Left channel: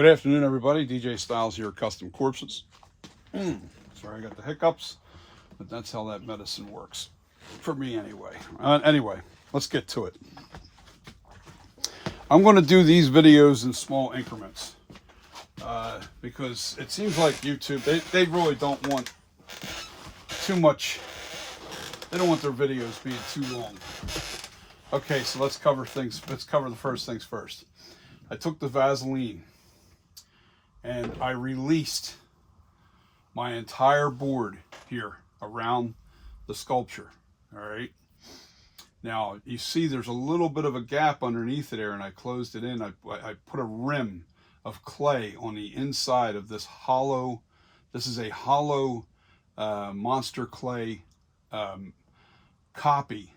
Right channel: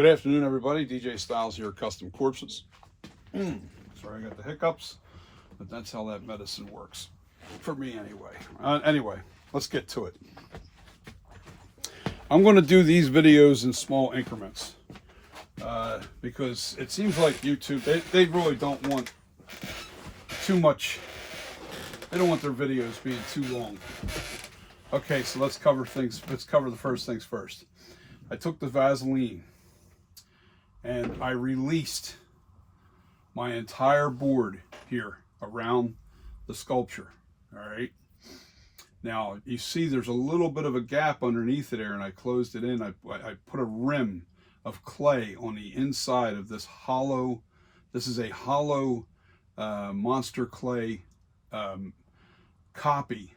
Good afternoon, everybody. DJ Styles here, Custom Corpses. Sorry, I got the hiccups, but that's how that medicine works. For me, anyway. Anyway, let's get to it. I'm going to do these videos in small increments because it seems like YouTube, they really don't want too much. They don't want their videos being too long. Okay, so let's cover the first things first. I took the Vaseline and I released my entire board here around the sculpture. All right. Now you see there's a little bit of a gap underneath it there, and I closed it in. I put a rim of clay on the inside of this hollow. This is a hollow monster clay copy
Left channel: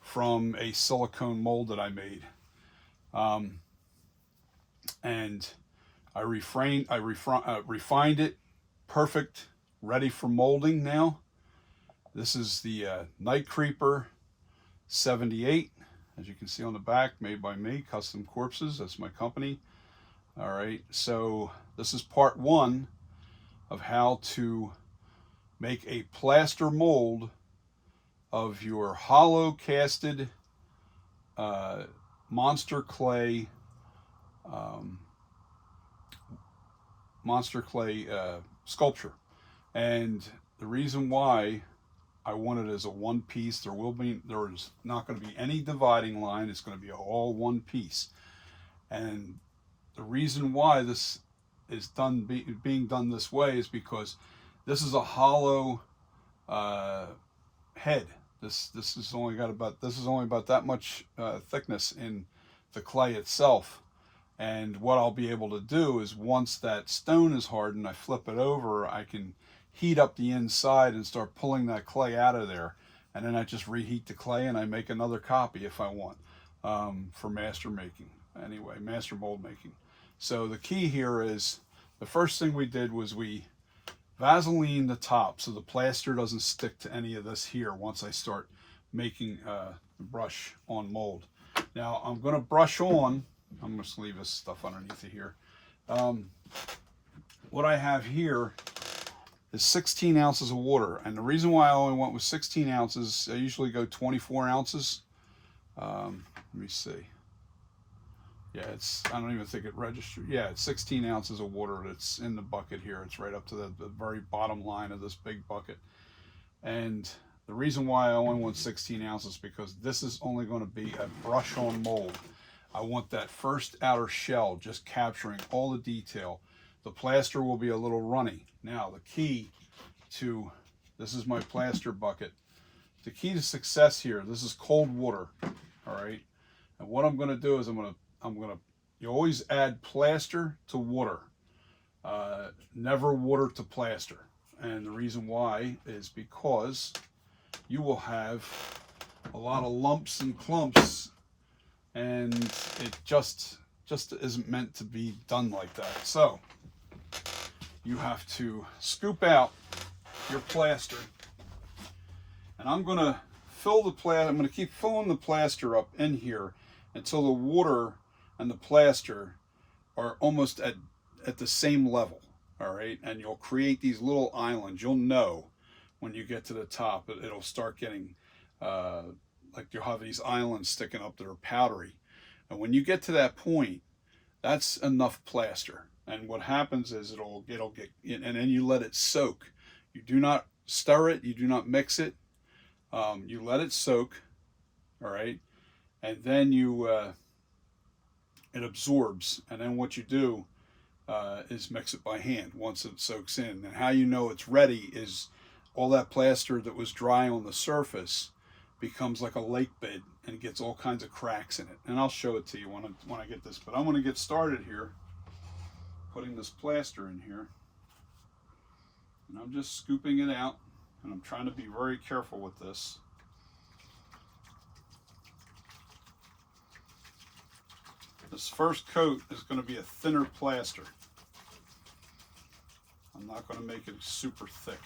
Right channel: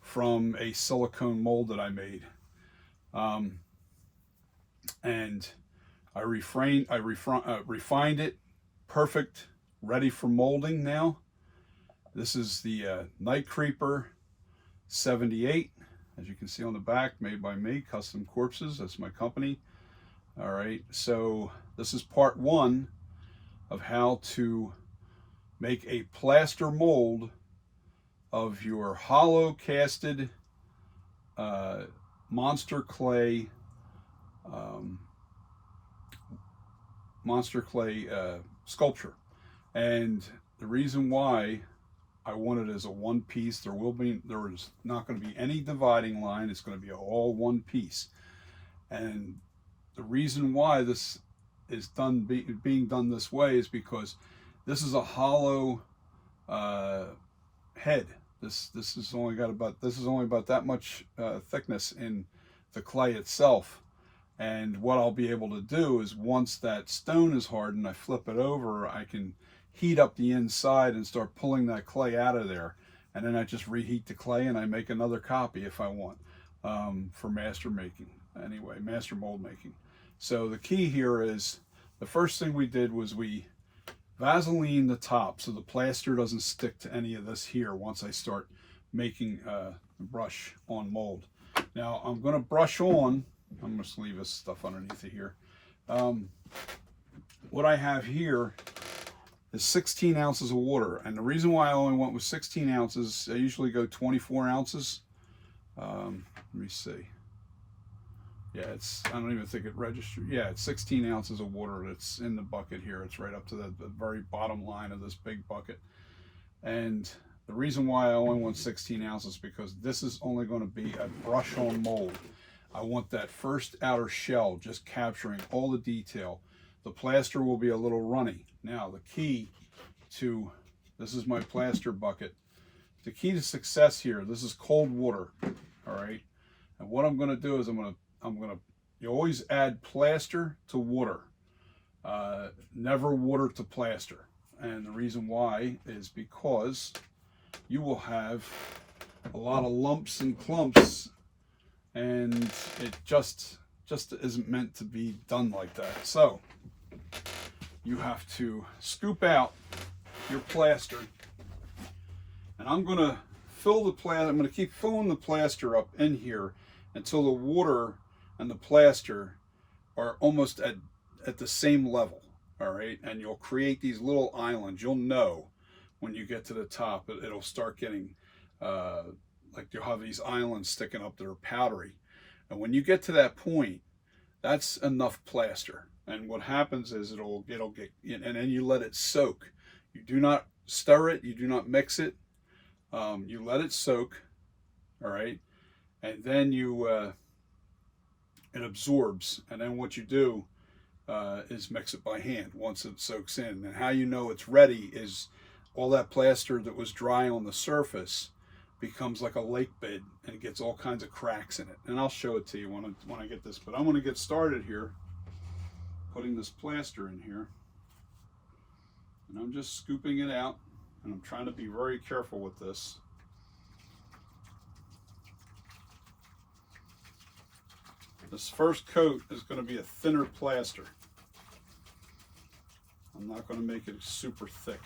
from a silicone mold that I made. And I refined it, perfect, ready for molding now. This is the Night Creeper 78, as you can see on the back, made by me, Custom Corpses. That's my company. All right, so this is part one of how to make a plaster mold of your hollow casted monster clay sculpture. And the reason why I want it as a one piece, there is not going to be any dividing line. It's going to be all one piece. And the reason why this is being done this way is because this is a hollow head. This is only about that much thickness in the clay itself. And what I'll be able to do is, once that stone is hardened, I flip it over, I can heat up the inside and start pulling that clay out of there. And then I just reheat the clay and I make another copy if I want, for master making. Anyway, master mold making. So the key here is, the first thing we did was we Vaseline the top so the plaster doesn't stick to any of this here once I start making the brush on mold. Now I'm going to brush on, I'm going to leave this stuff underneath it here. What I have here is 16 ounces of water, and the reason why I only went with 16 ounces, I usually go 24 ounces. Let me see. Yeah, I don't even think it registered. Yeah, it's 16 ounces of water that's in the bucket here. It's right up to the very bottom line of this big bucket. And the reason why I only want 16 ounces, because this is only going to be a brush on mold. I want that first outer shell just capturing all the detail. The plaster will be a little runny. Now the key to, this is my plaster bucket. The key to success here, this is cold water, all right? And what I'm going to do is you always add plaster to water, never water to plaster. And the reason why is because you will have a lot of lumps and clumps, and it just isn't meant to be done like that. So you have to scoop out your plaster, and I'm going to I'm going to keep filling the plaster up in here until the water and the plaster are almost at the same level. All right, and you'll create these little islands. You'll know when you get to the top, it'll start getting like you'll have these islands sticking up that are powdery. And when you get to that point, that's enough plaster. And what happens is it'll get, and then you let it soak. You do not stir it, you do not mix it. You let it soak, all right, and then it absorbs. And then what you do is mix it by hand once it soaks in. And how you know it's ready is all that plaster that was dry on the surface becomes like a lake bed, and it gets all kinds of cracks in it. And I'll show it to you when I get this. But I'm going to get started here, putting this plaster in here, and I'm just scooping it out, and I'm trying to be very careful with this. This first coat is going to be a thinner plaster. I'm not going to make it super thick.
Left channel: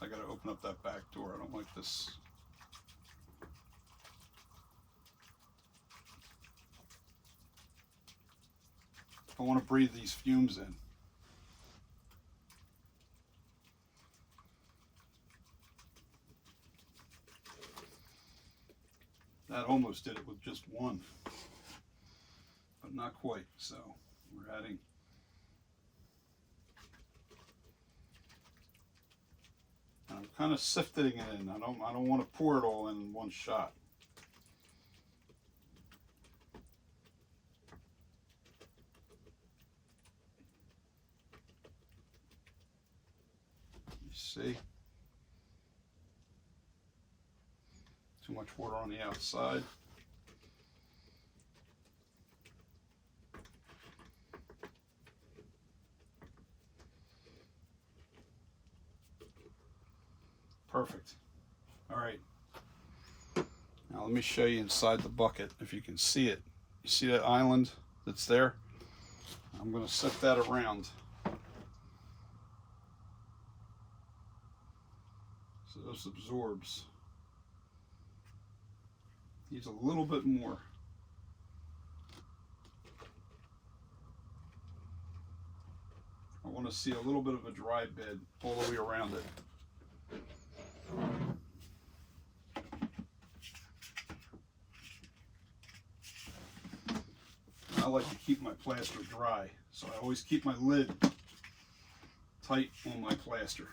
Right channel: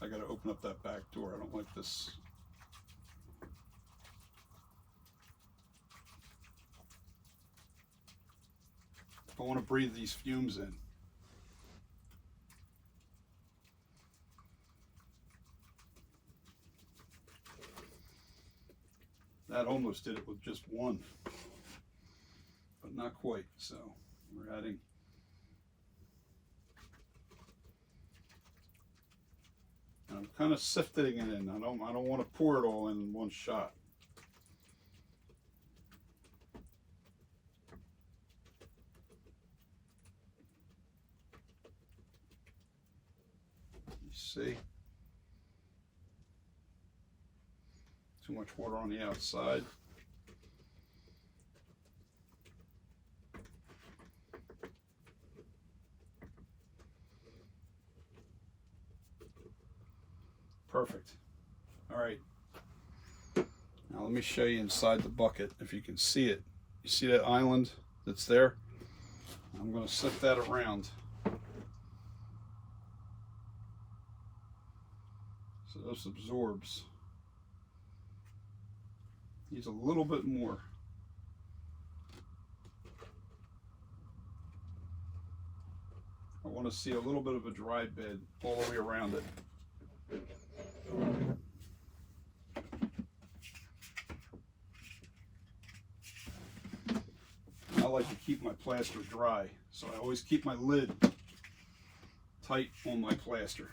I got to open up that back door. I don't like this. I want to breathe these fumes in. That almost did it with just one, but not quite. So we're adding and I'm kind of sifting it in. I don't want to pour it all in one shot. You see? Too much water on the outside. Perfect. All right. Now let me show you inside the bucket if you can see it. You see that island that's there? I'm going to set that around. So this absorbs. Needs a little bit more. I want to see a little bit of a dry bed all the way around it. I like to keep my plaster dry, so I always keep my lid tight on my plaster.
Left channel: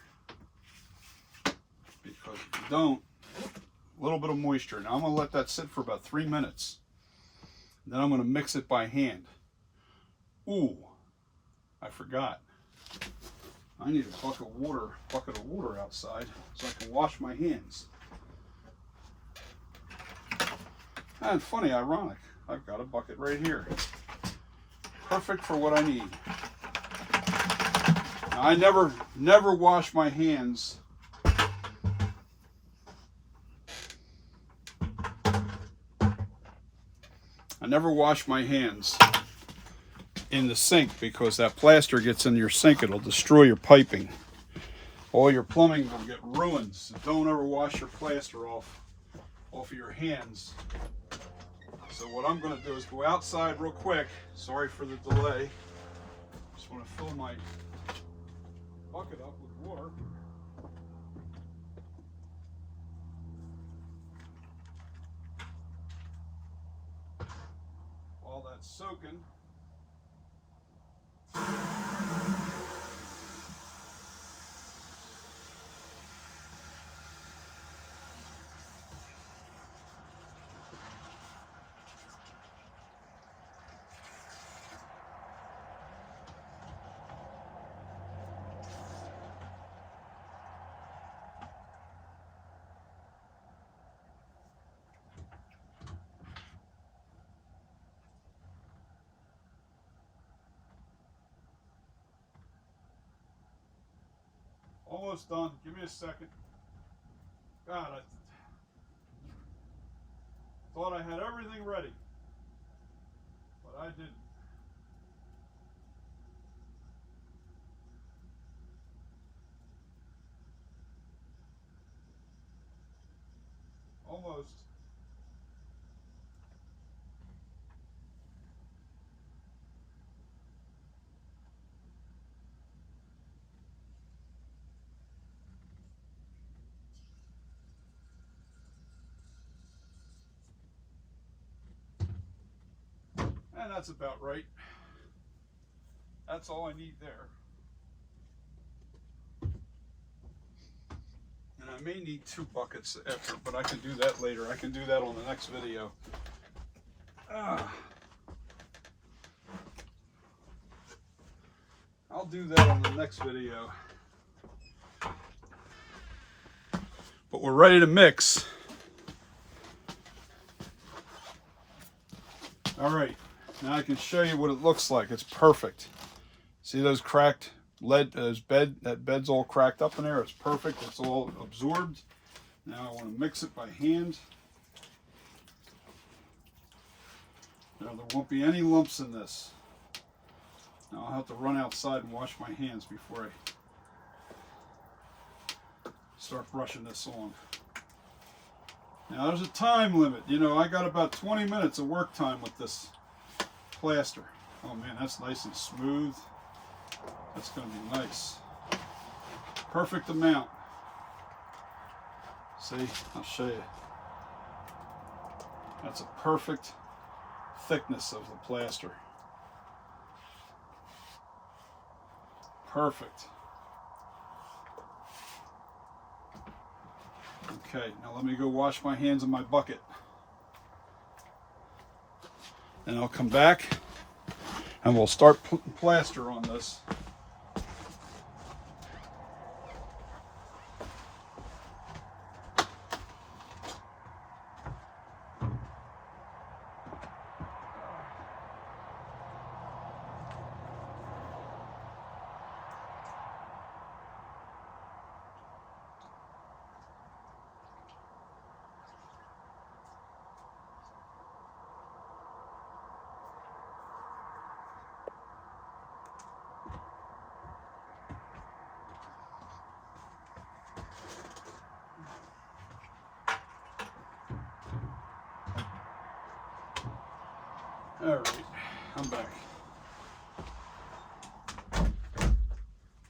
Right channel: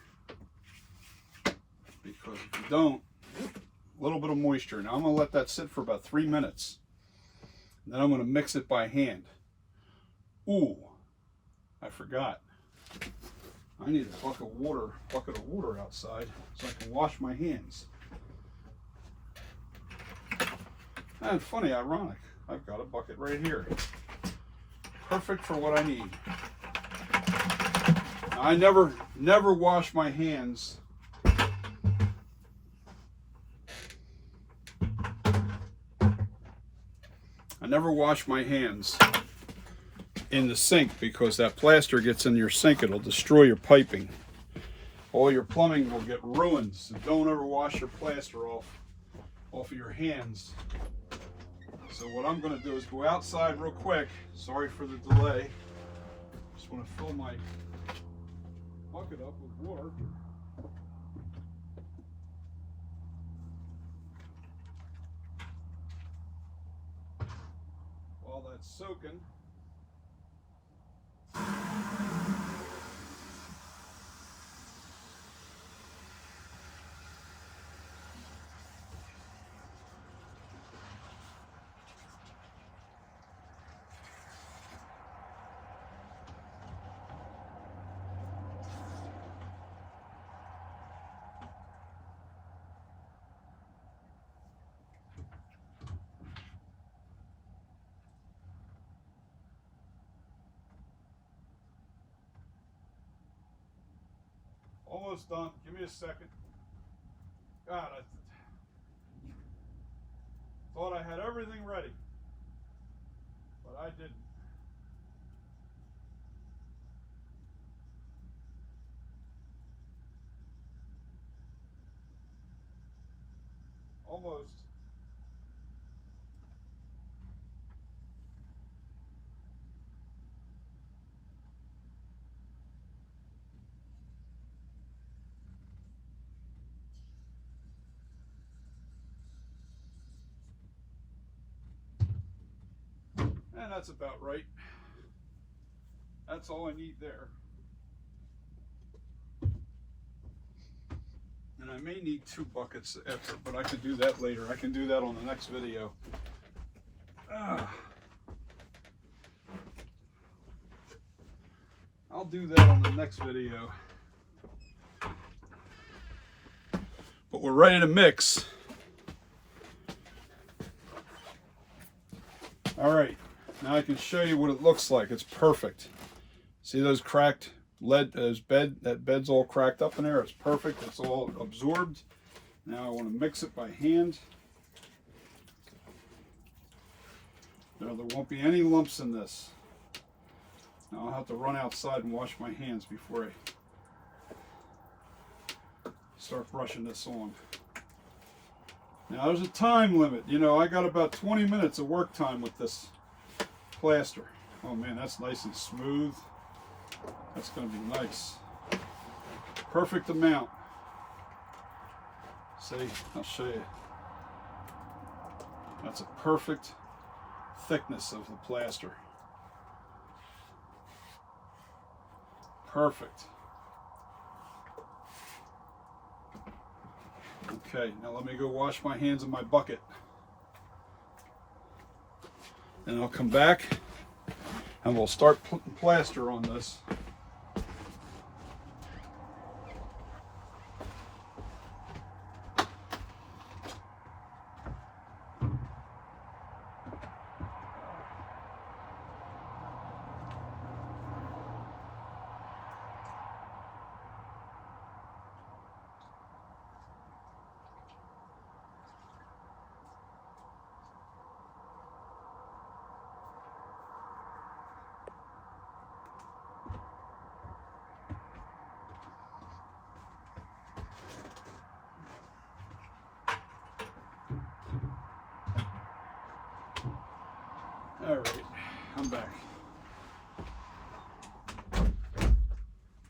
Because if you don't, a little bit of moisture. Now I'm going to let that sit for about 3 minutes. Then I'm going to mix it by hand. Ooh, I forgot. I need a bucket of water outside so I can wash my hands. And funny, ironic, I've got a bucket right here. Perfect for what I need. Now, I never wash my hands in the sink because that plaster gets in your sink. It'll destroy your piping. All your plumbing will get ruined. So don't ever wash your plaster off of your hands. So what I'm going to do is go outside real quick. Sorry for the delay. Just want to fill my bucket up with water. While that's soaking, almost done. Give me a second. God, I thought I had everything ready, but I didn't. Almost. And that's about right. That's all I need there. And I may need 2 buckets after, but I can do that later. I can do that on the next video. I'll do that on the next video. But we're ready to mix. All right, now I can show you what it looks like. It's perfect. See those cracked lead, that bed's all cracked up in there. It's perfect. It's all absorbed. Now I want to mix it by hand. Now there won't be any lumps in this. Now I'll have to run outside and wash my hands before I start brushing this on. Now there's a time limit. You know, I got about 20 minutes of work time with this plaster. Oh man, that's nice and smooth. That's going to be nice. Perfect amount. See, I'll show you. That's a perfect thickness of the plaster. Perfect. Okay, now let me go wash my hands in my bucket. And I'll come back and we'll start putting plaster on this. All right, I'm back.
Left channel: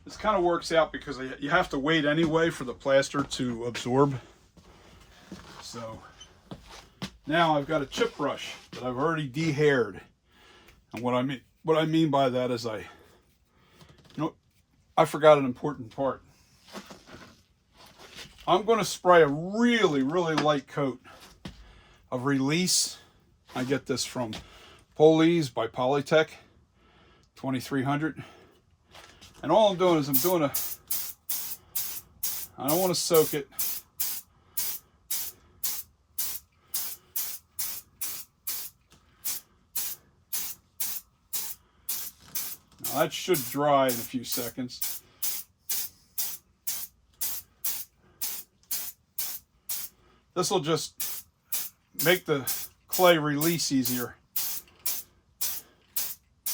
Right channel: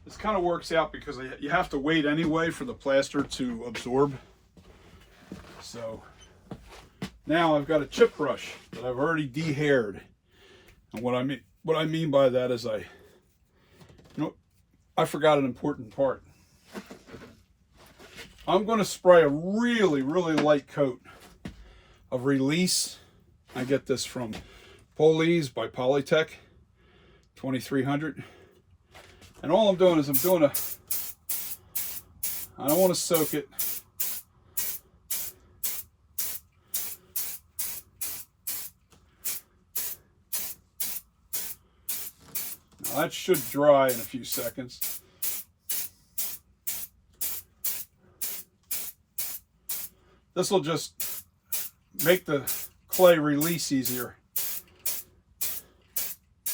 This kind of works out because you have to wait anyway for the plaster to absorb. So now I've got a chip brush that I've already de-haired. And what I mean by that is I forgot an important part. I'm going to spray a really, really light coat of release. I get this from Police by Polytech 2300. And all I'm doing is I don't want to soak it. Now that should dry in a few seconds. This will just make the clay release easier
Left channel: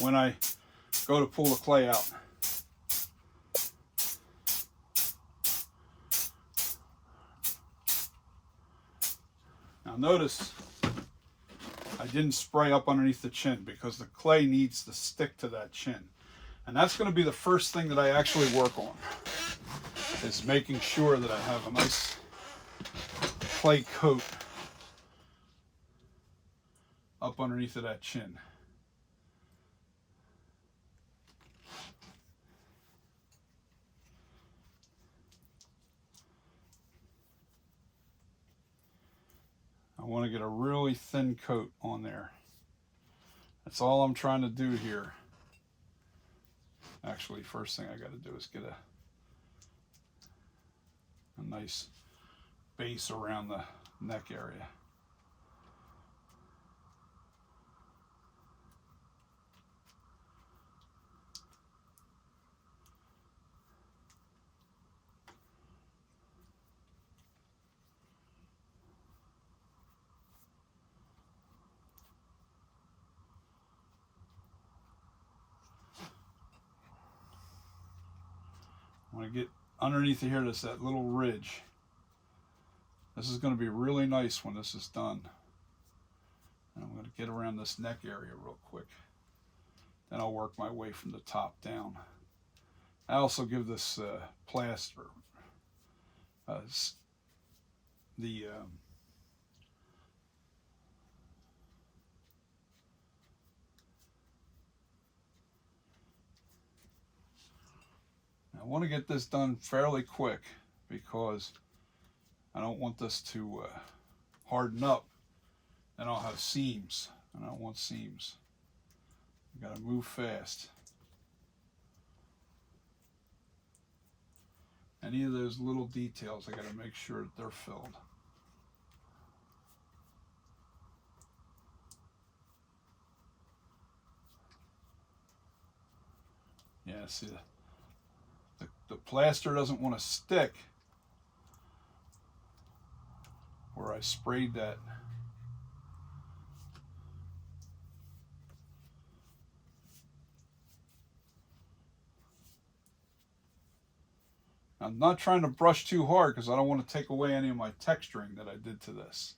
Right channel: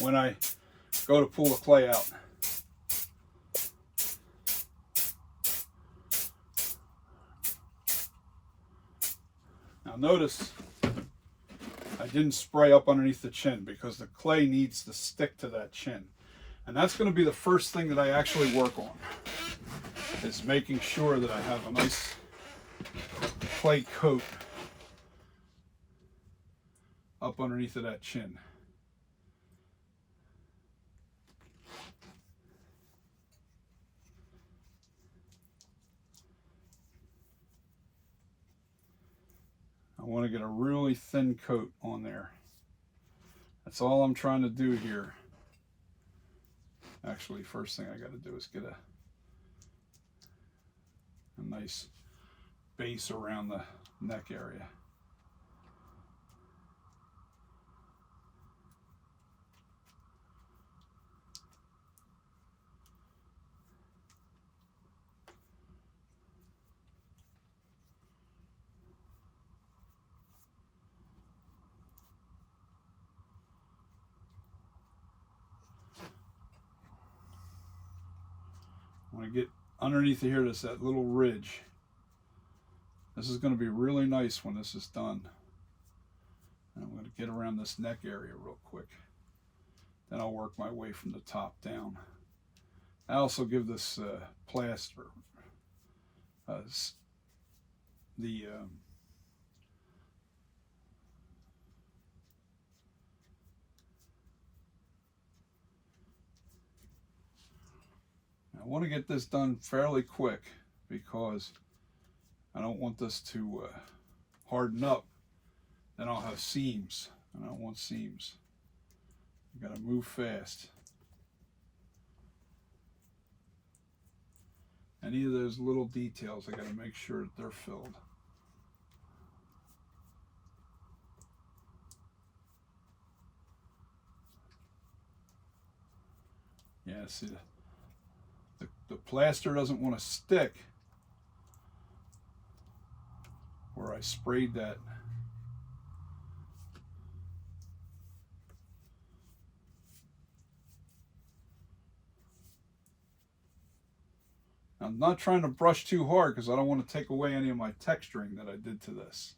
when I go to pull the clay out. Now notice I didn't spray up underneath the chin because the clay needs to stick to that chin. And that's going to be the first thing that I actually work on, is making sure that I have a nice clay coat up underneath of that chin. I want to get a really thin coat on there. That's all I'm trying to do here. Actually, first thing I got to do is get a nice base around the neck area. I want to get underneath here, there's that little ridge. This is going to be really nice when this is done. And I'm going to get around this neck area real quick. Then I'll work my way from the top down. I also give this plaster I want to get this done fairly quick because I don't want this to harden up, and I'll have seams, and I don't want seams. I've got to move fast. Any of those little details, I got to make sure that they're filled. Yeah, see, the plaster doesn't want to stick where I sprayed that. I'm not trying to brush too hard because I don't want to take away any of my texturing that I did to this.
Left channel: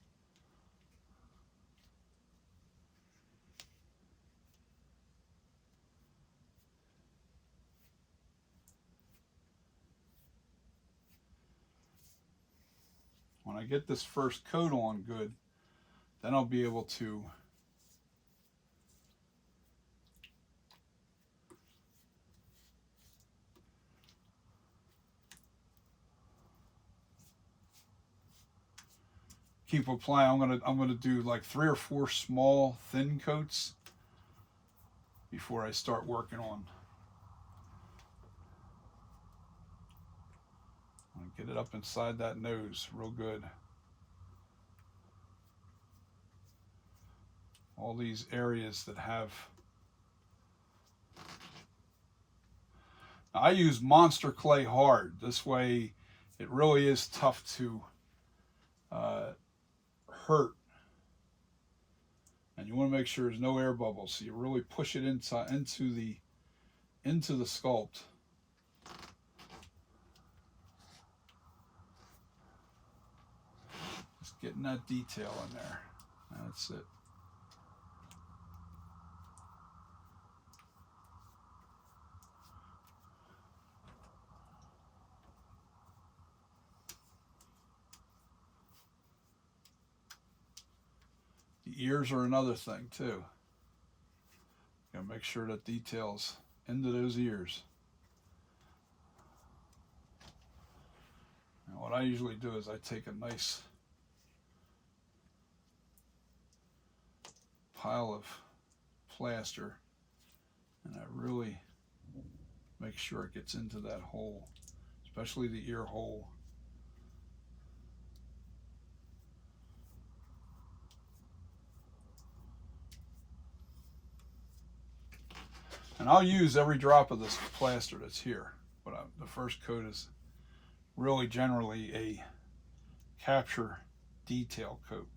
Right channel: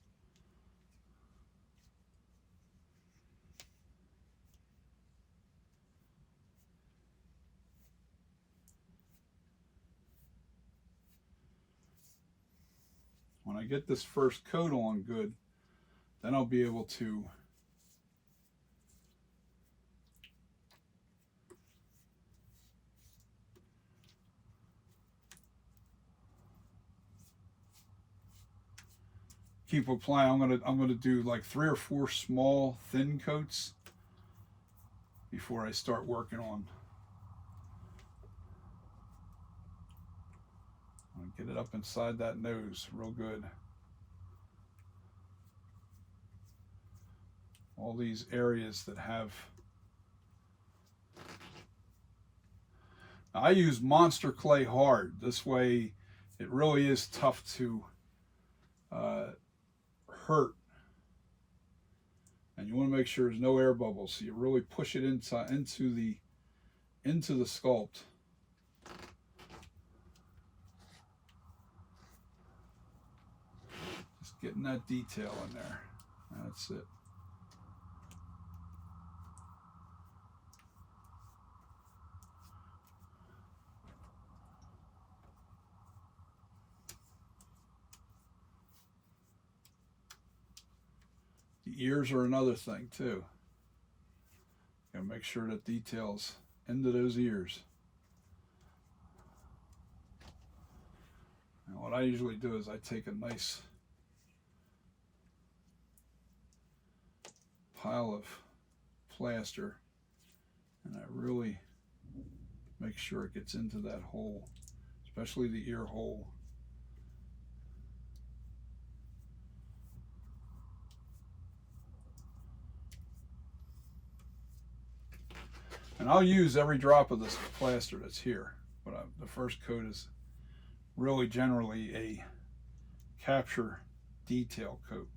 when I get this first coat on good, then I'll be able to keep applying. I'm gonna do like 3 or 4 small thin coats before I start working on. Get it up inside that nose real good. All these areas that have. Now, I use Monster Clay Hard. This way it really is tough to hurt. And you want to make sure there's no air bubbles, so you really push it inside into the sculpt. Just getting that detail in there. That's it. The ears are another thing too. Gotta make sure that details into those ears. Now what I usually do is I take a nice pile of plaster and I really make sure it gets into that hole, especially the ear hole. And I'll use every drop of this plaster that's here, but the first coat is really generally a capture detail coat.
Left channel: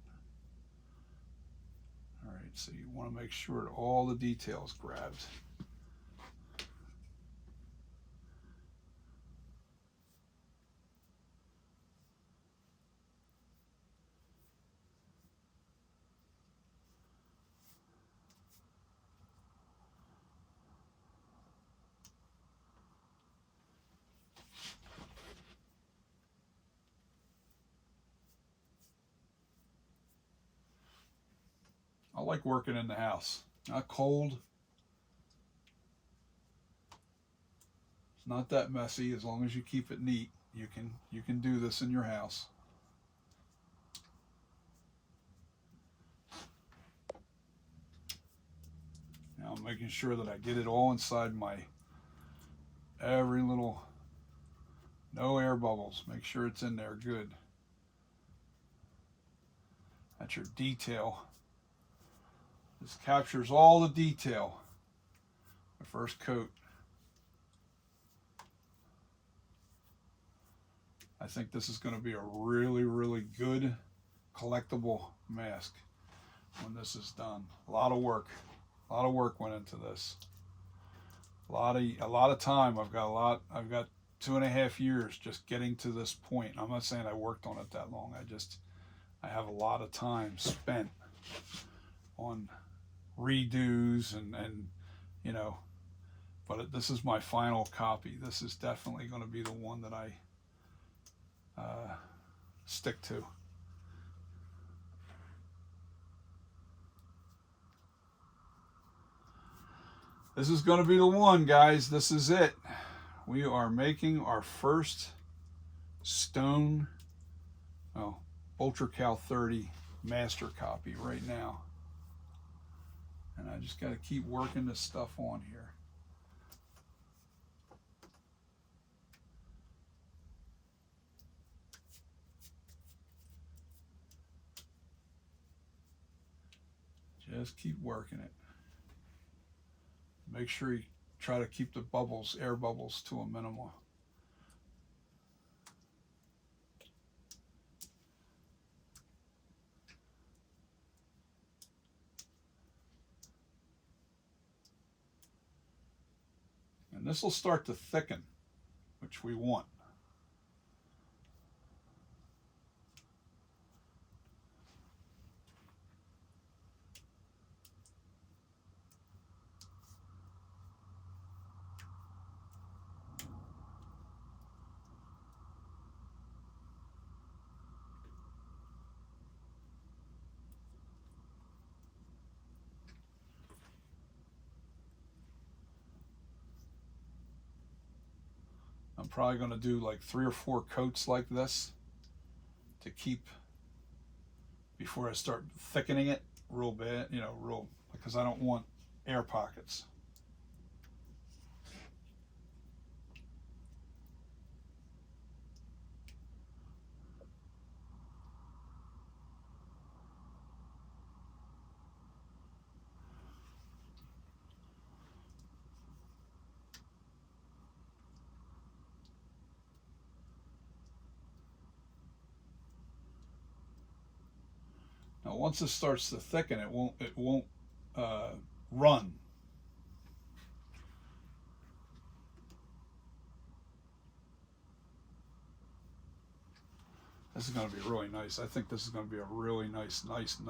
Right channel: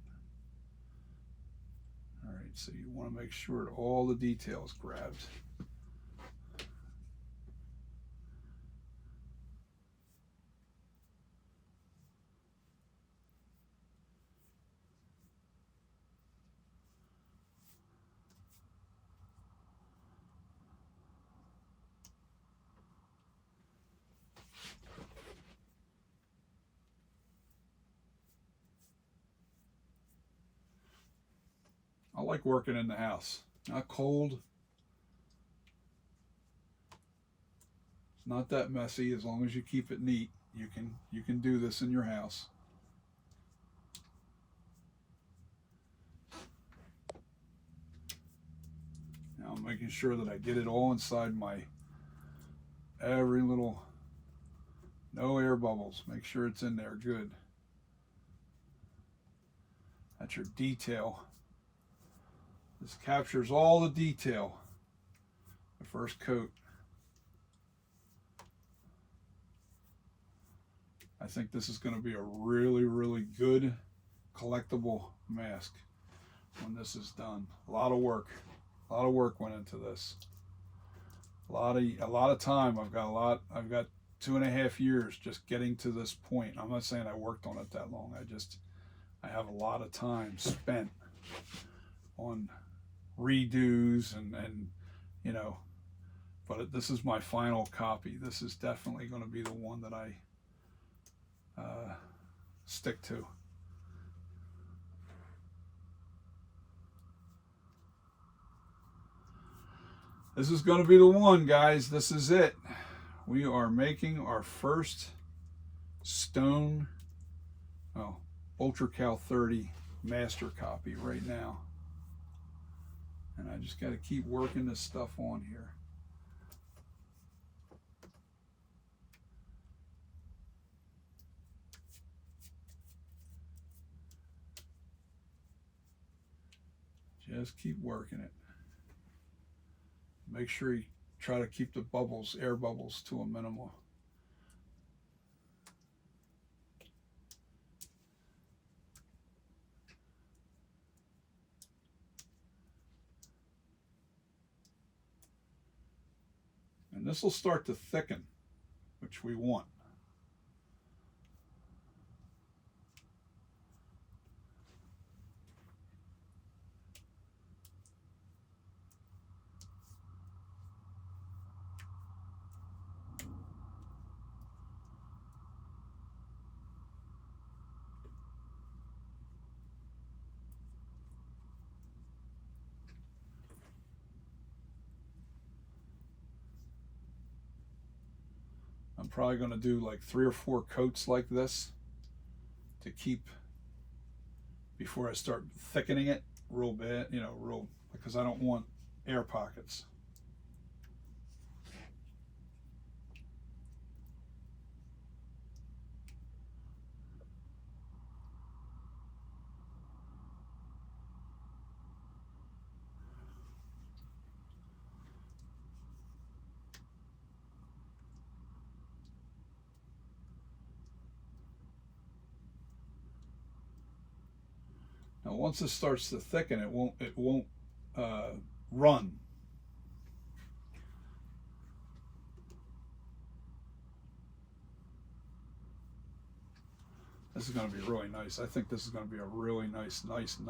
All right, so you want to make sure that all the details grabbed. I like working in the house. Not cold. It's not that messy. As long as you keep it neat, you can do this in your house. Now I'm making sure that I get it all inside my every little, no air bubbles. Make sure it's in there good. That's your detail. This captures all the detail. The first coat. I think this is going to be a really, really good collectible mask when this is done. A lot of work. A lot of work went into this. A lot of time. I've got 2.5 years just getting to this point. I'm not saying I worked on it that long. I have a lot of time spent on redos and you know, but this is my final copy. This is definitely going to be the one that I stick to. This is going to be the one, guys. This is it. We are making our first stone Ultra Cal 30 master copy right now. And I just got to keep working this stuff on here. Just keep working it. Make sure you try to keep the bubbles, air bubbles, to a minimum. And this will start to thicken, which we want. probably going to do like 3 or 4 coats like this to keep, before I start thickening it real bad, you know, real, because I don't want air pockets. Now, once this starts to thicken, it won't run. This is going to be really nice. I think this is going to be a really nice mask.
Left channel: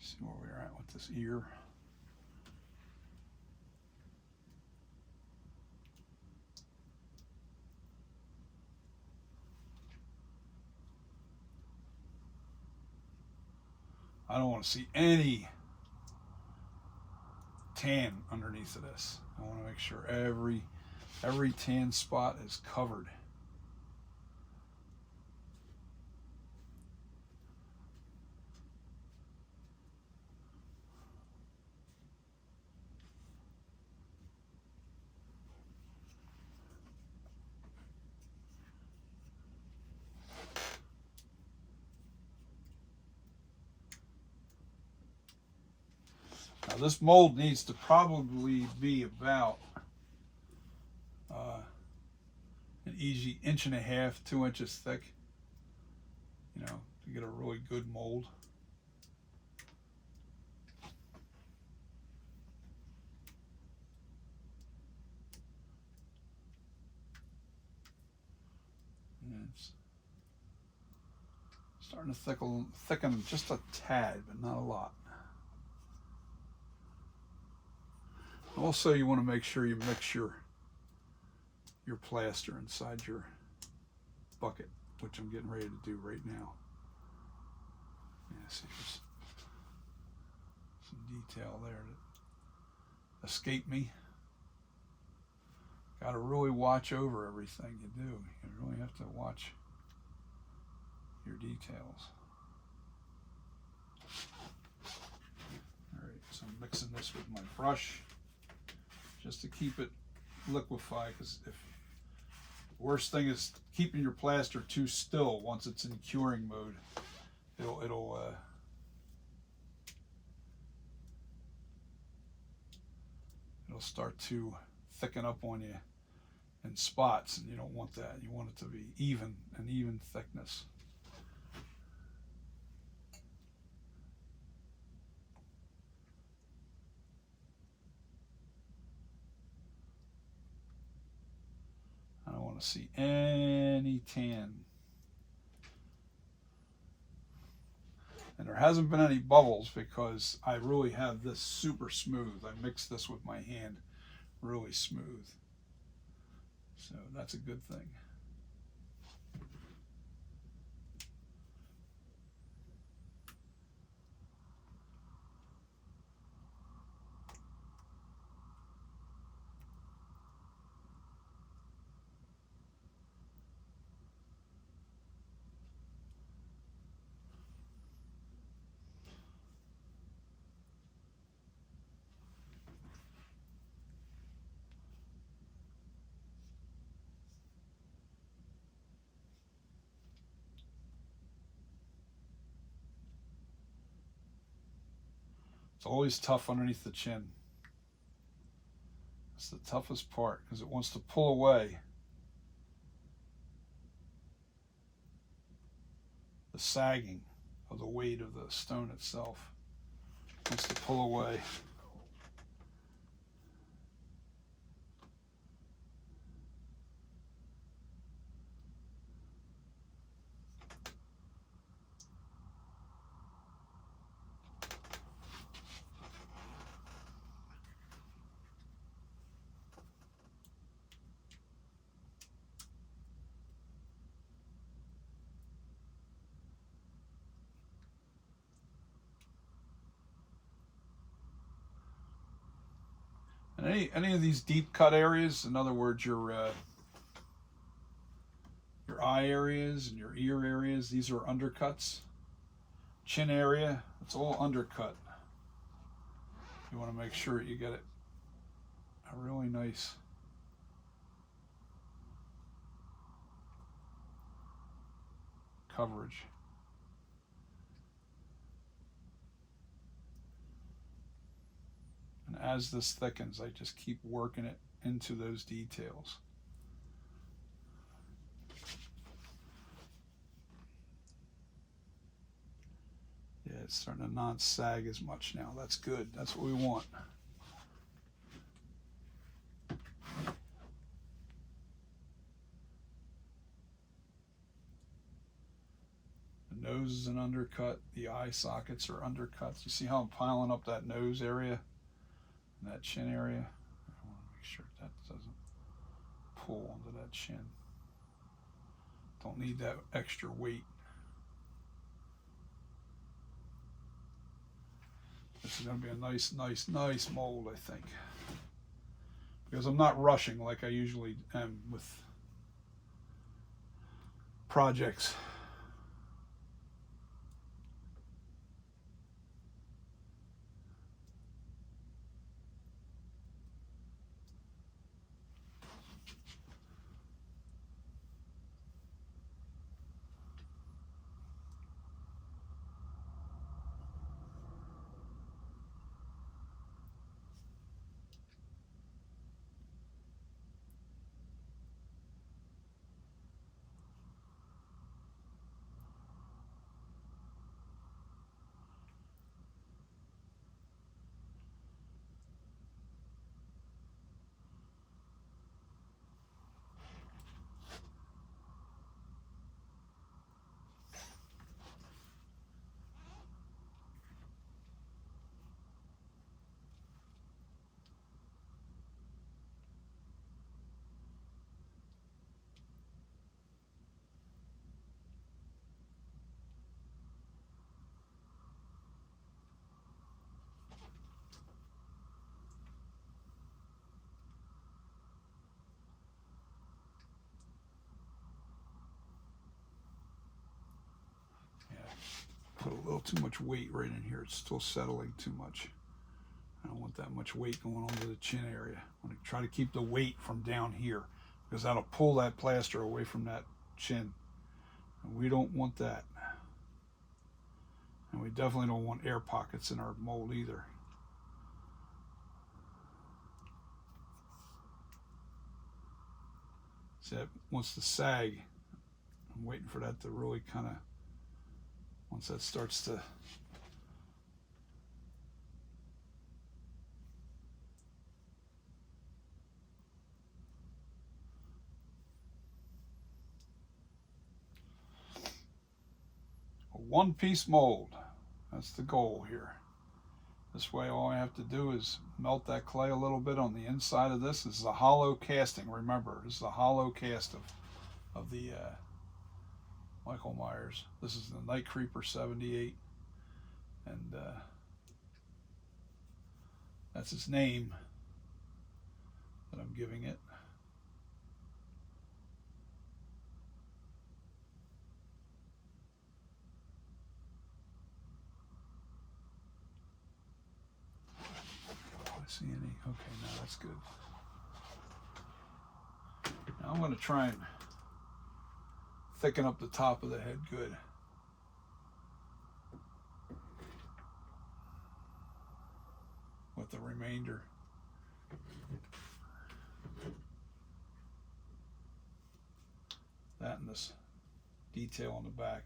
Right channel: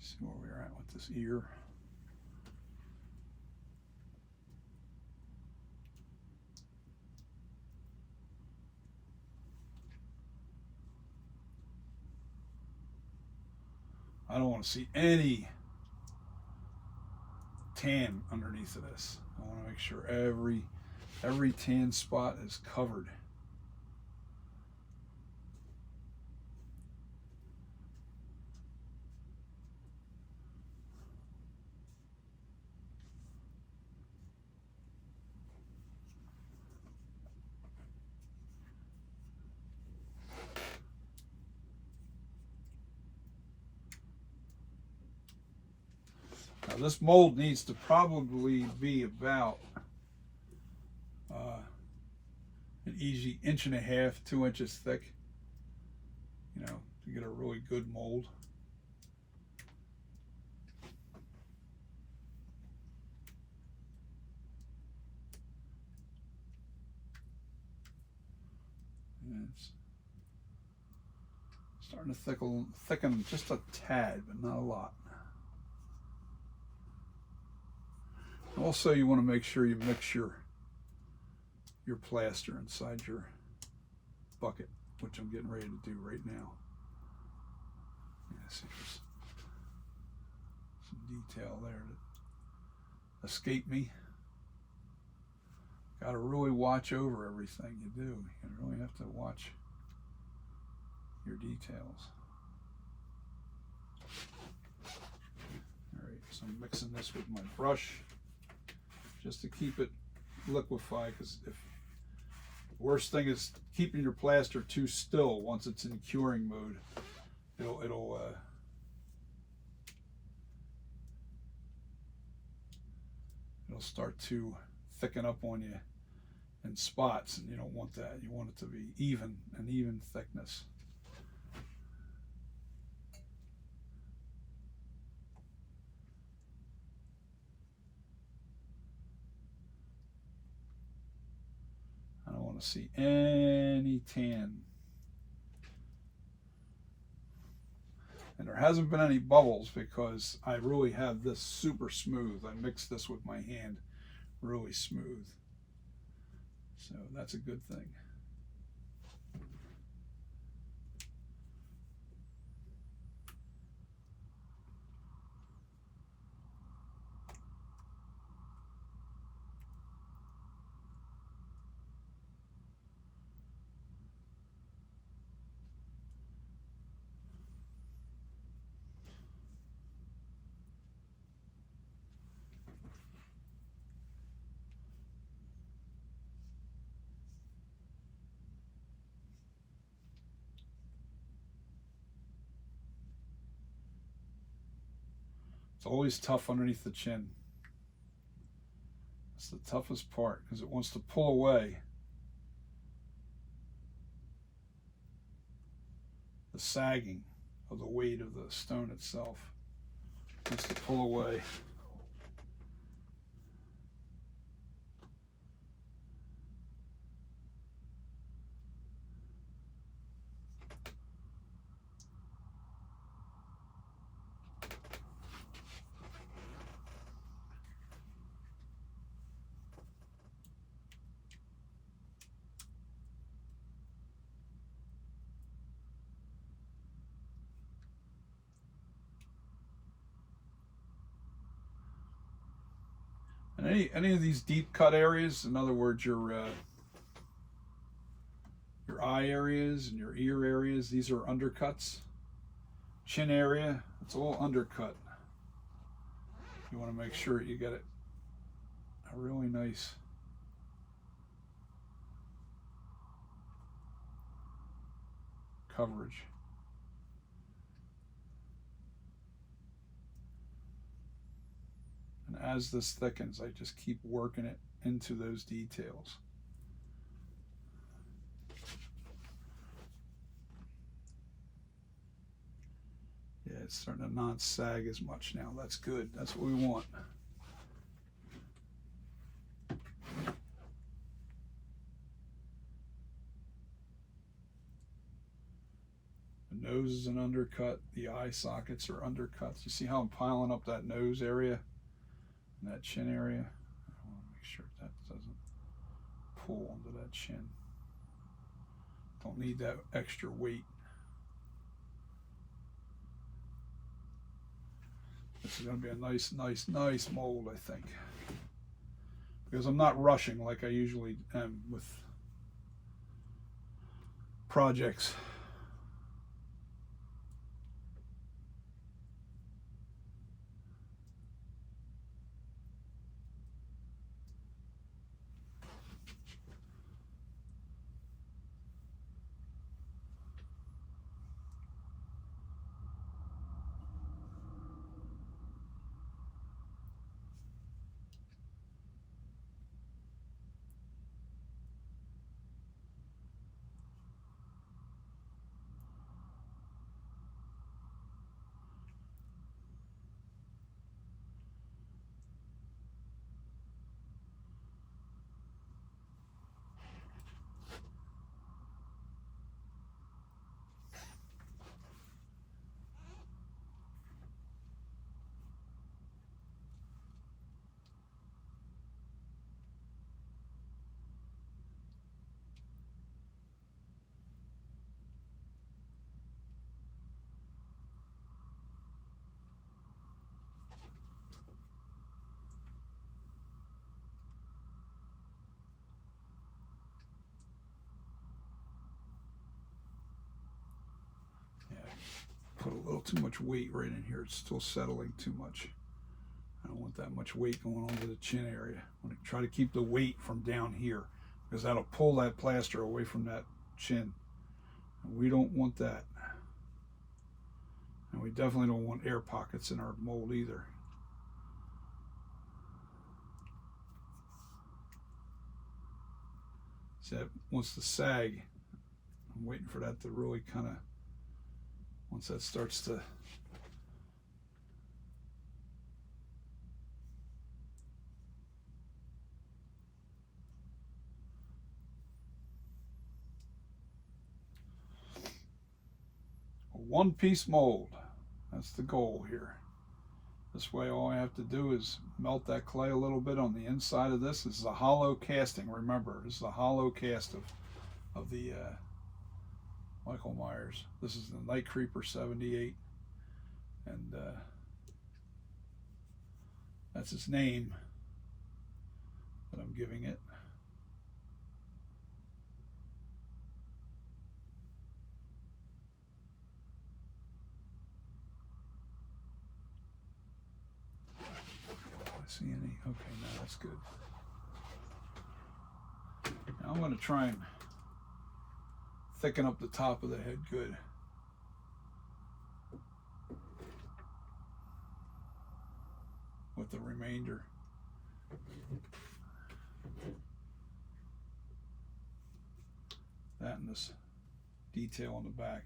See where we're at with this ear. I don't want to see any tan underneath of this. I want to make sure every tan spot is covered. Now this mold needs to probably be about an easy 1.5 inches, 2 inches thick, you know, to get a really good mold. And it's starting to thicken just a tad, but not a lot. Also, you want to make sure you mix your plaster inside your bucket, which I'm getting ready to do right now. Yeah, see, there's some detail there that escaped me. Got to really watch over everything you do. You really have to watch your details. All right, so I'm mixing this with my brush just to keep it liquefied, because if the worst thing is keeping your plaster too still once it's in curing mode, it'll start to thicken up on you in spots, and you don't want that. You want it to be an even thickness. I don't want to see any tan. And there hasn't been any bubbles because I really have this super smooth. I mixed this with my hand really smooth. So that's a good thing. It's always tough underneath the chin. It's the toughest part because it wants to pull away the sagging of the weight of the stone itself. Wants to pull away. And any of these deep cut areas, in other words, your eye areas and your ear areas, these are undercuts. Chin area, it's all undercut. You want to make sure you get it a really nice coverage. And as this thickens, I just keep working it into those details. Yeah, it's starting to not sag as much now. That's good. That's what we want. The nose is an undercut. The eye sockets are undercuts. You see how I'm piling up that nose area and that chin area? I want to make sure that doesn't pull onto that chin. Don't need that extra weight. This is going to be a nice mold, I think. Because I'm not rushing like I usually am with projects. Put a little too much weight right in here. It's still settling too much. I don't want that much weight going onto the chin area. I'm going to try to keep the weight from down here because that'll pull that plaster away from that chin. And we don't want that. And we definitely don't want air pockets in our mold either. See, that wants to sag. I'm waiting for that to really kind of, once that starts to a one-piece mold. That's the goal here. This way all I have to do is melt that clay a little bit on the inside of this. This is a hollow casting, remember. This is a hollow cast of the Michael Myers. This is the Night Creeper 78. And that's his name that I'm giving it. See any? Okay, no, that's good. Now I'm going to try and thicken up the top of the head good. With the remainder. That and this detail on the back.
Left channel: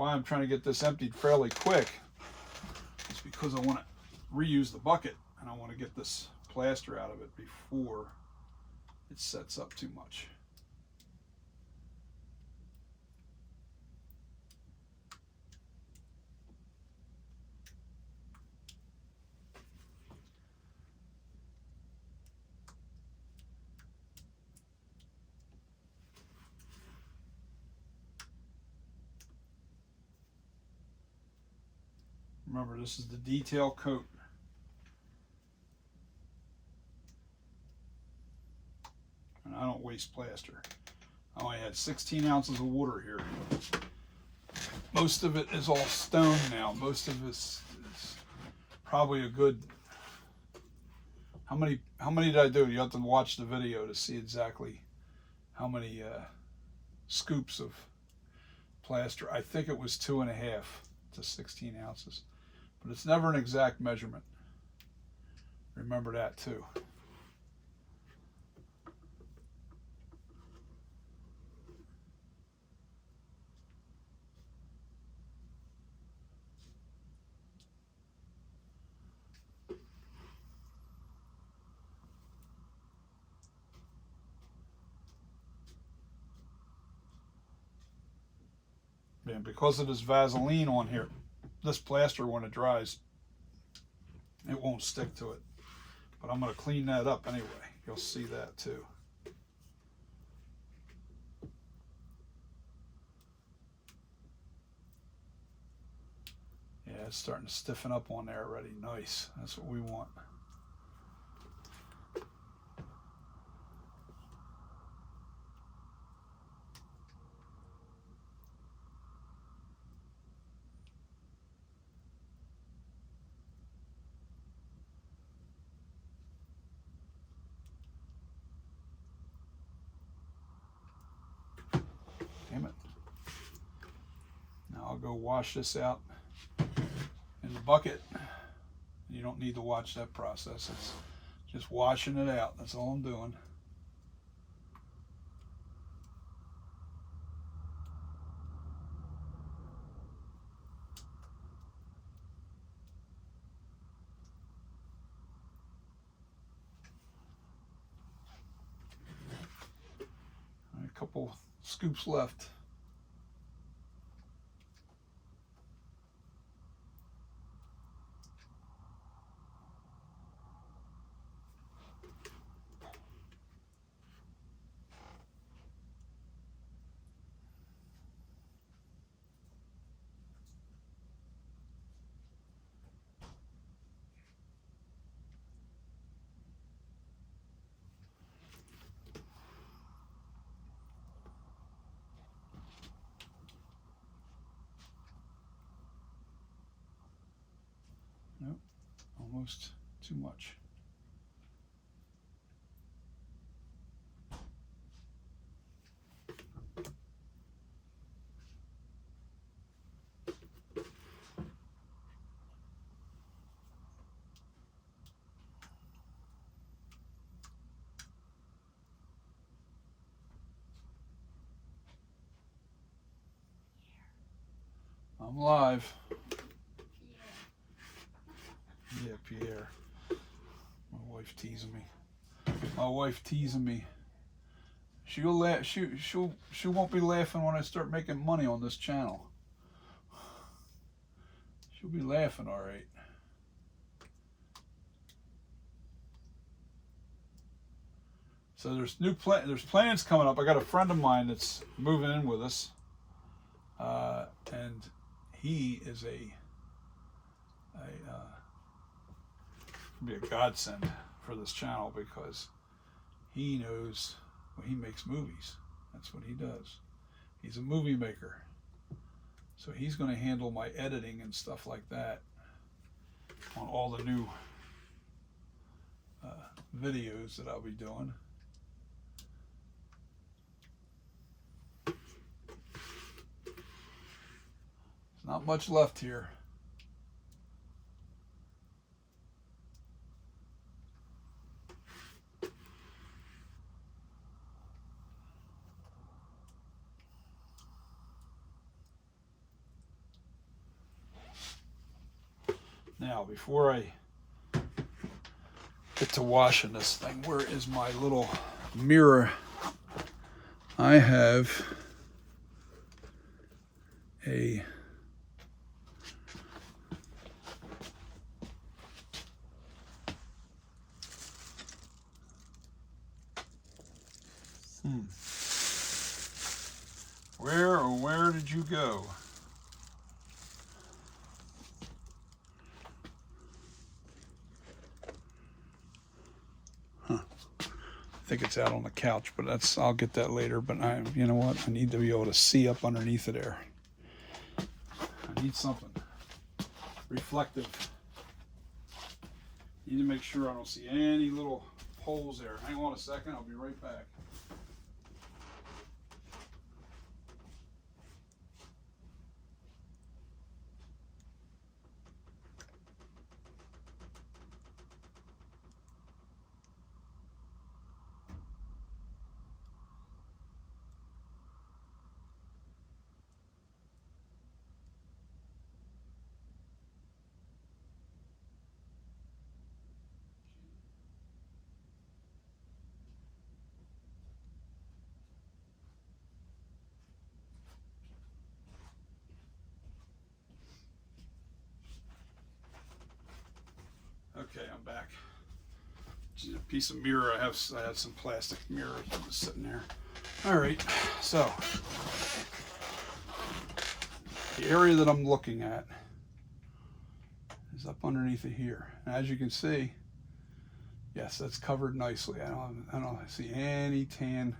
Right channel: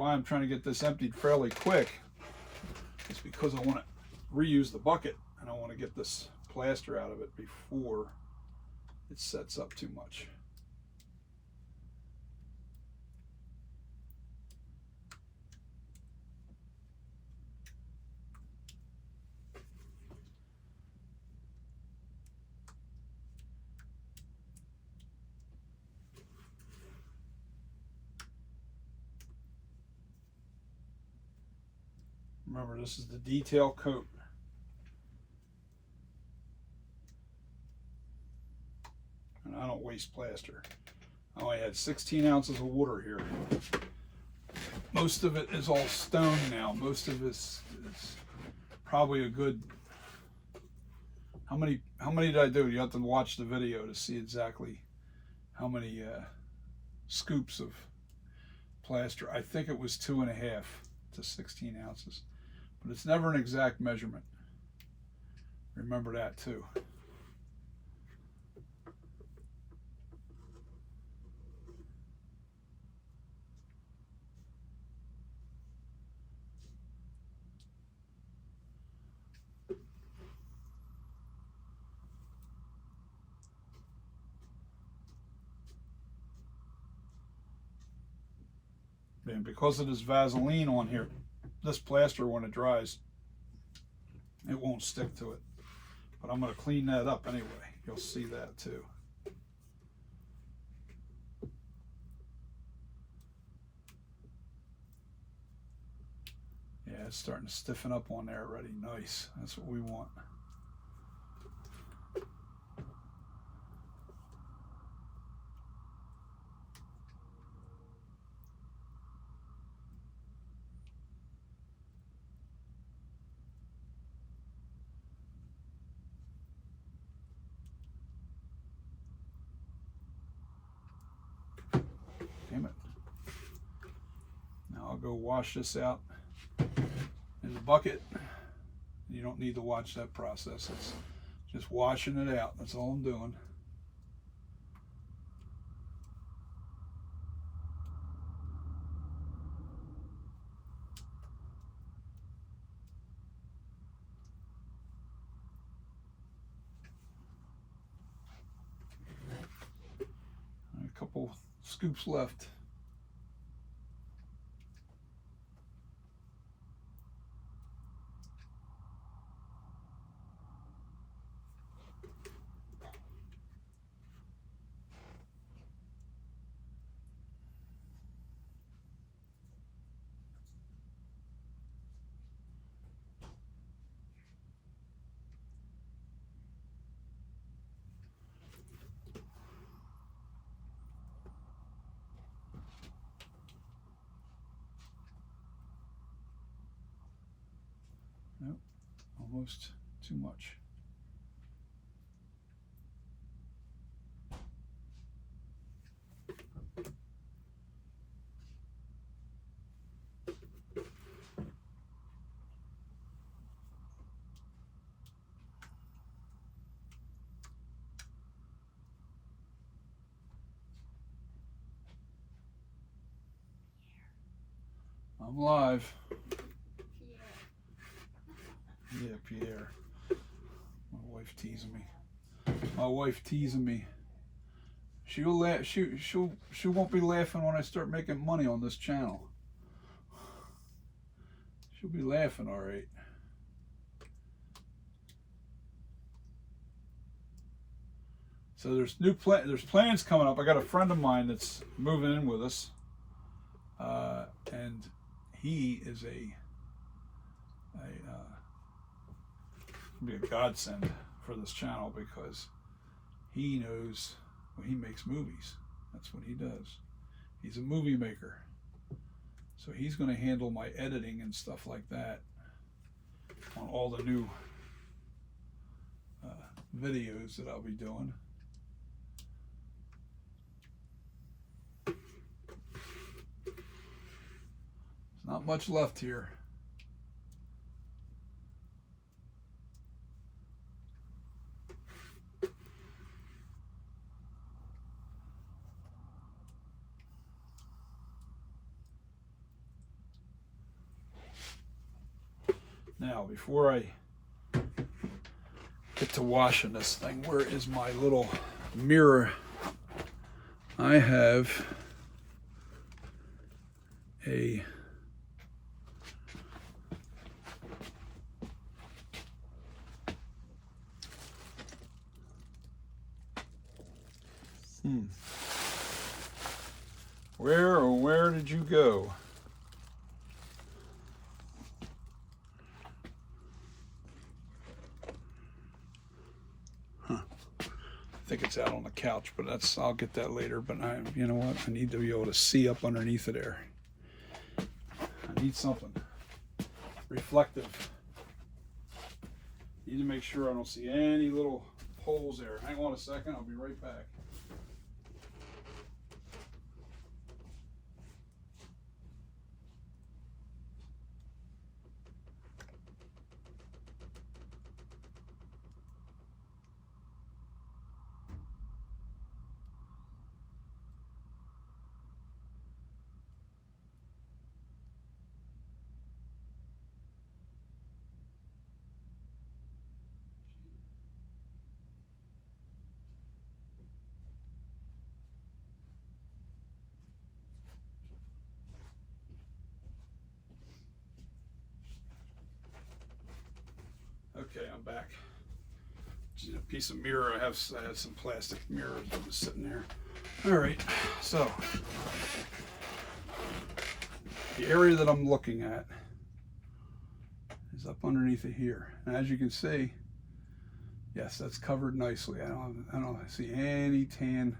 why I'm trying to get this emptied fairly quick is because I want to reuse the bucket, and I want to get this plaster out of it before it sets up too much. Remember, this is the detail coat. And I don't waste plaster. I only had 16 ounces of water here. Most of it is all stone now. Most of this is probably a good... How many did I do? You have to watch the video to see exactly how many scoops of plaster. I think it was 2.5 to 16 ounces. But it's never an exact measurement. Remember that too. And because of this Vaseline on here, this plaster, when it dries, it won't stick to it. But I'm going to clean that up anyway. You'll see that too. Yeah, it's starting to stiffen up on there already. Nice. That's what we want. Damn it. Now I'll go wash this out in the bucket. You don't need to watch that process. It's just washing it out. That's all I'm doing. A couple scoops left. Nope, almost too much. I'm live. Yeah, Pierre. My wife teasing me. My wife teasing me. She'll laugh. She won't be laughing when I start making money on this channel. She'll be laughing, all right. So there's there's plans coming up. I got a friend of mine that's moving in with us, and he is be a godsend for this channel because he knows, well, he makes movies. That's what he does. He's a movie maker. So he's going to handle my editing and stuff like that on all the new videos that I'll be doing. There's not much left here. Now, before I get to washing this thing, where is my little mirror? I have a where did you go? Huh. I think it's out on the couch, but I'll get that later. But you know what? I need to be able to see up underneath of there. I need something reflective. Need to make sure I don't see any little holes there. Hang on a second, I'll be right back. Okay, I'm back. Just a piece of mirror. I had some plastic mirrors that was sitting there. All right, so the area that I'm looking at is up underneath of here. And as you can see, yes, that's covered nicely. I don't see any tan.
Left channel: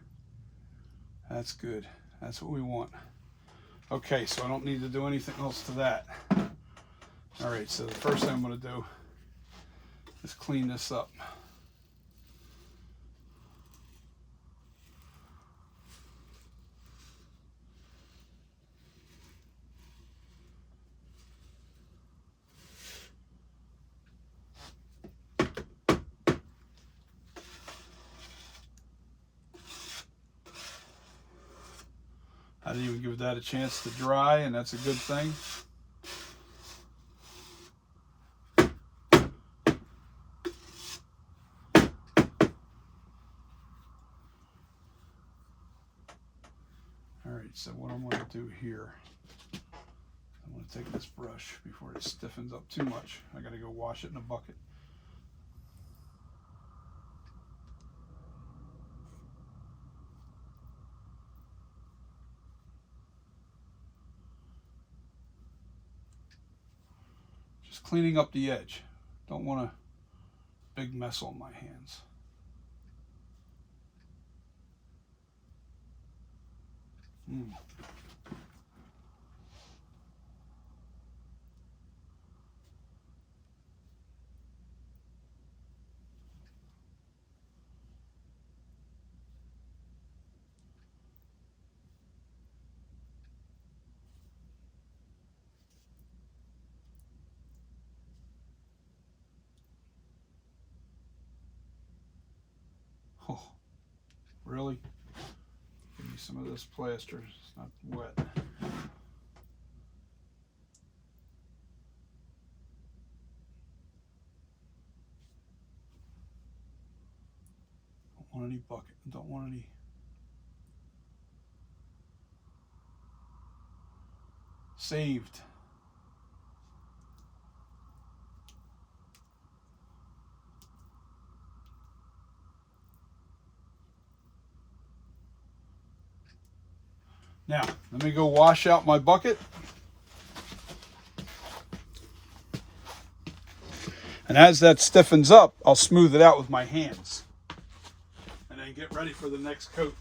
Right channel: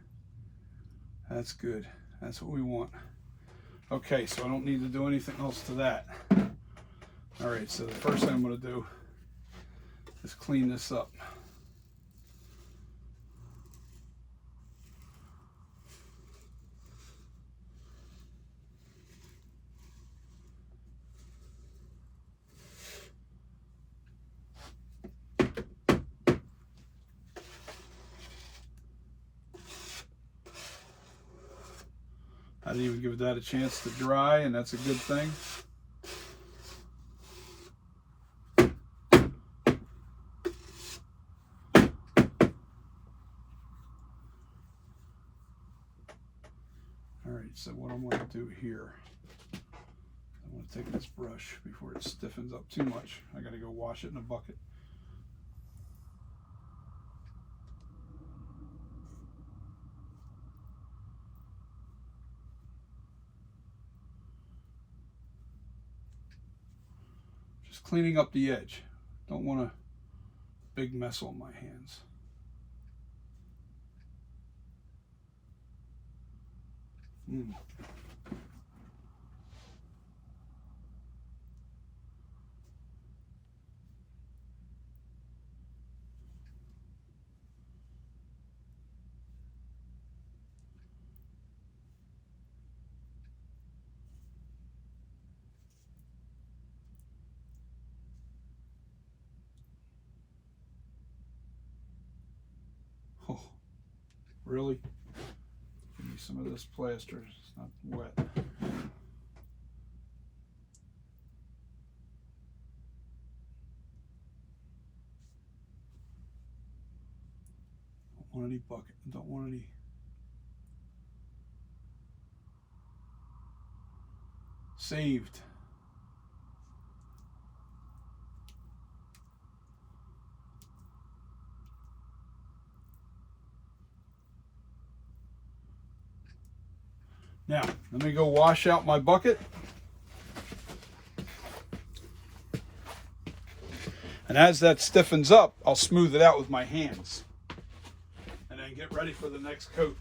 That's good. That's what we want. Okay, so I don't need to do anything else to that. All right, so the first thing I'm going to do is clean this up. I didn't even give that a chance to dry, and that's a good thing. All right, so what I'm going to do here, I'm going to take this brush before it stiffens up too much. I got to go wash it in a bucket. Just cleaning up the edge. Don't want a big mess on my hands. Oh, really? Give me some of this plaster. It's not wet. Don't want any bucket. Don't want any. Saved. Now, let me go wash out my bucket. And as that stiffens up, I'll smooth it out with my hands. And then get ready for the next coat.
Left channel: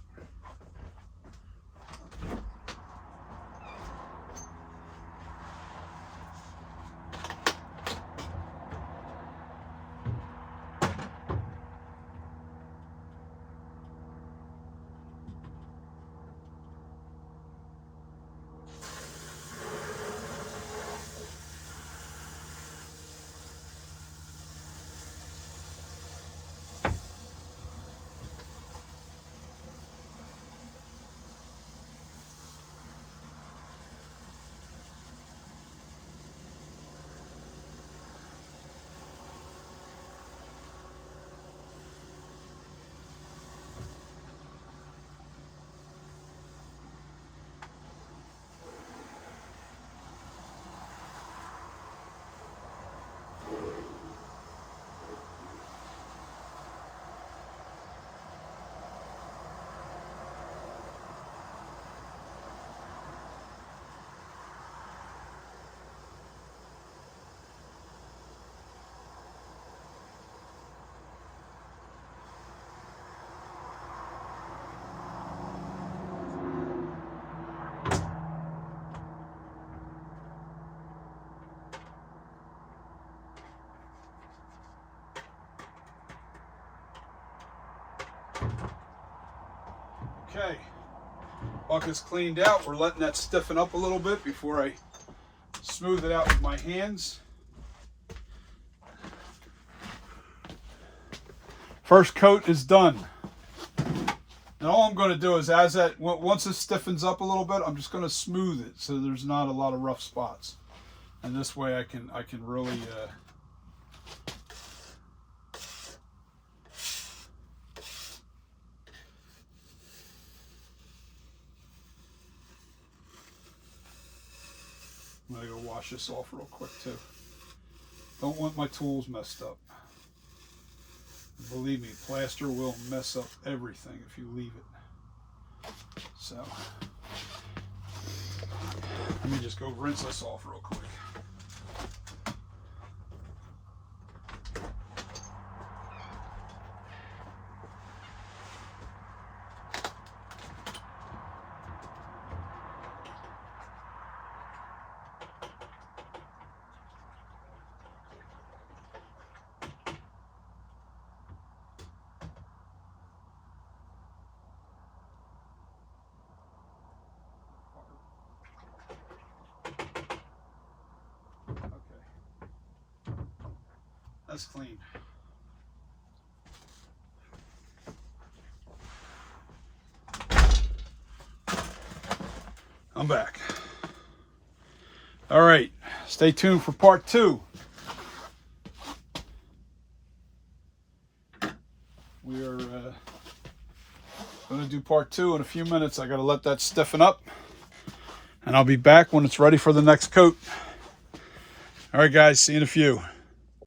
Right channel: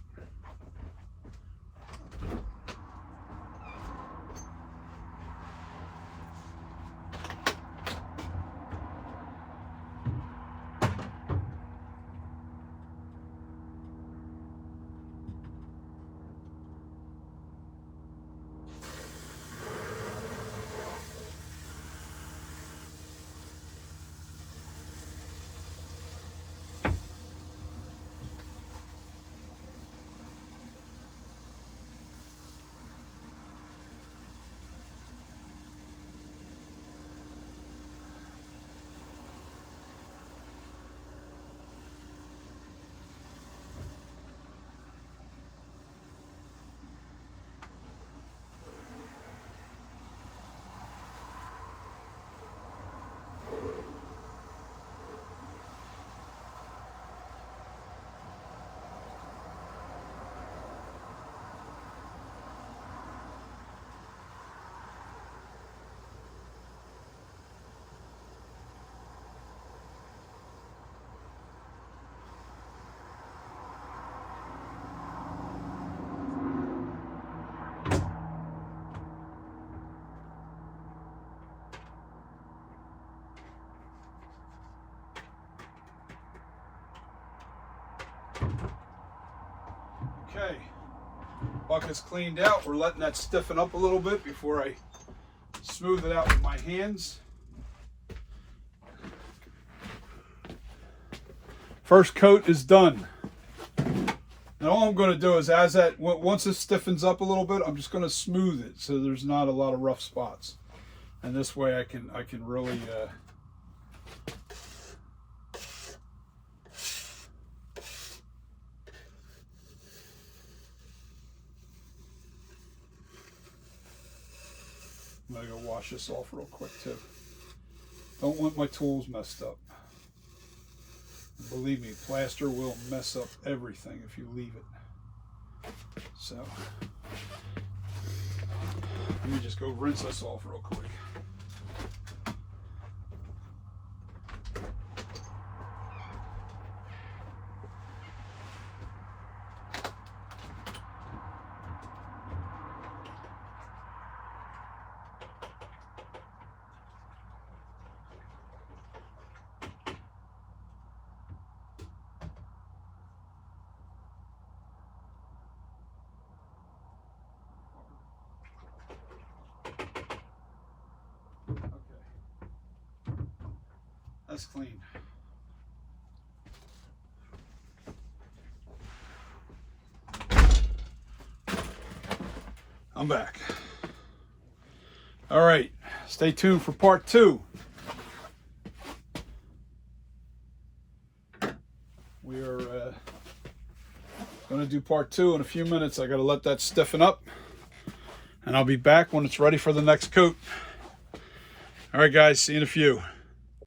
Okay, bucket's cleaned out. We're letting that stiffen up a little bit before I smooth it out with my hands. First coat is done. Now all I'm going to do is, once it stiffens up a little bit, I'm just going to smooth it so there's not a lot of rough spots. And this way I can really I'm going to go wash this off real quick too. Don't want my tools messed up. Believe me, plaster will mess up everything if you leave it. So, let me just go rinse this off real quick. That's clean. I'm back. All right, stay tuned for part 2. We are going to do part 2 in a few minutes. I got to let that stiffen up, and I'll be back when it's ready for the next coat. All right, guys, see you in a few.